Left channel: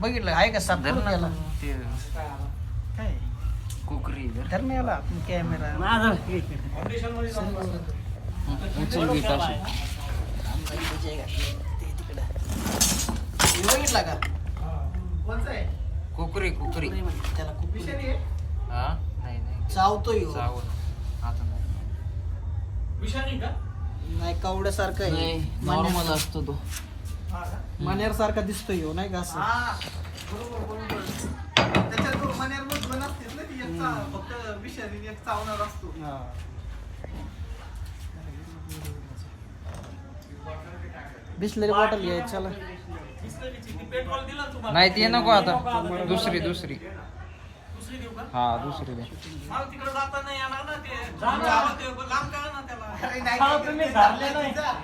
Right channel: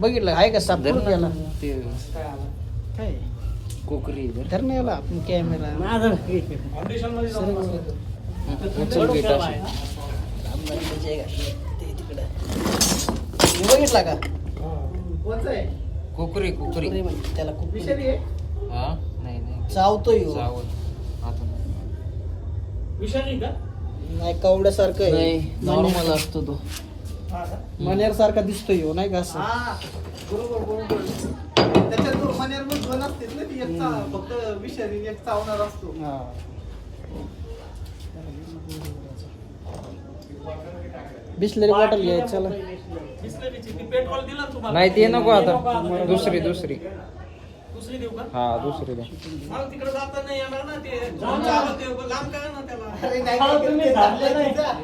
बघितलं आहे का काय? कोकरी कॅमेरा हे. बघितला का? कोकरी कोकरी. म्हणते त्याला कुत्री. हा नाही नाही चावतोय ह्यो. चावल आता नाही नाही कवड्यासारखं आहे. नाही नॉर्मल असतो तो. मण्यार सारखा दिसतोय ह्यो, नाही का असं? बरोबर बरोबर. त्याच्यात दोन मण्यावर दोन असतील ना ती एक चा- फक्त विषारी एक चावणार असतो. हा. बिसलेरी बॉटल घ्यायची चला. बिस्लरीची ती पेट्रोल दिलं ना तुम्हाला? नाही ते नको आता. दुसरी दुसरी. दुसरी देऊ का? हा दुसरी दे मला तिकडे जाता नाही येणार ना ते. तुमच्या ते लांब करा ना त्याला.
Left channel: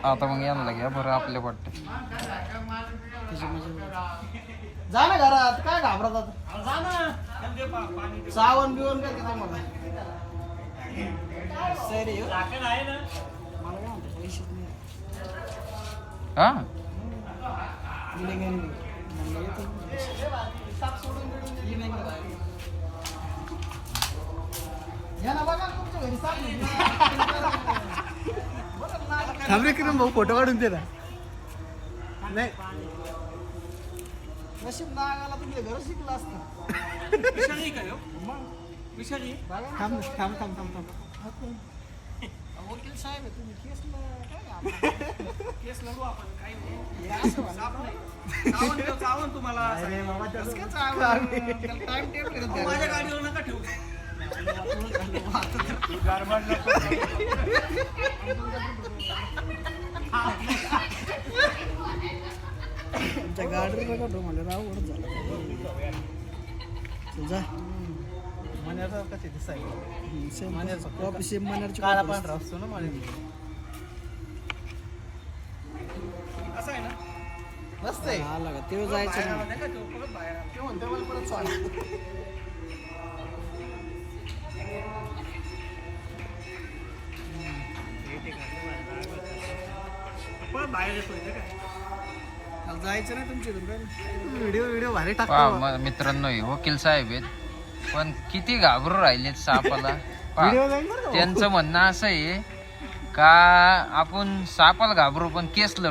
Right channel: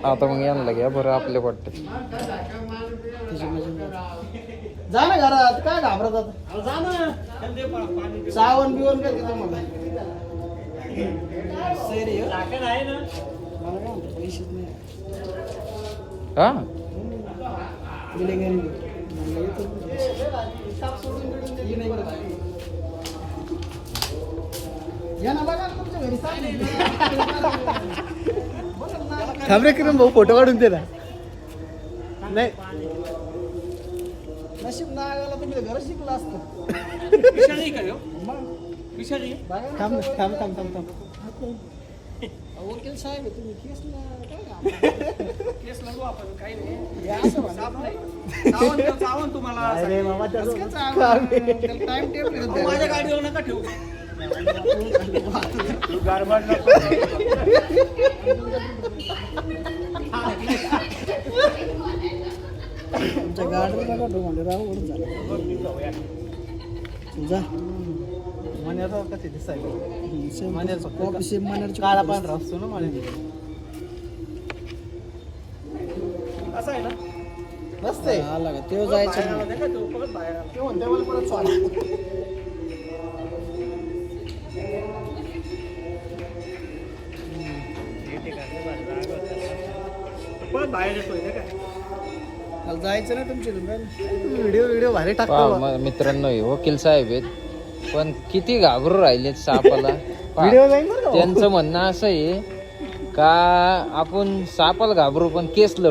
आता मग यांना घ्या बरं आपले वाटते जा ना घरात काय घाबरत आता? जा ना. त्याला दे पा- पाणी दे. सावण बिवण काय घेतो मला सैरी हो. टाकन आहे ना. मला काय म्हणतो पैसेच नाही. हा? गेले घरी म्हणलं येतो. ये नाही. घरी. थांबरे किरण भाऊ फोटो काढून दे ना. नाही. नशीब नागाला तुम्ही घर शिकला असतं. ना. थांब थांब थांब थांब थांब. वकील साहेब तुम्ही? केस आपण काही नाही. हे तुम्हाला table आहे माझ्या. गाडीवर नका ठेवू. तुमच्या गाडीवर बघा तो म्हणजे राहू झाला तुझा मण्याचा कसे दिसायला कॉपी सेम मनारची काळा पांढरा असतो ना मला असं आहे ना? मस्त आहे. आला का? तेव्हा जायचं परत परत बाहेर येतोय जायचं काय व्हिडिओ व्हिडिओ भारी टाकतो. म- मित्रांनो हे वकील साहेब आहेत. पण किती घाबरू राहिलेत सापाला? त्यांचं म्हणणं असं आहे का आपण सापाला घाबरू पण केस लढू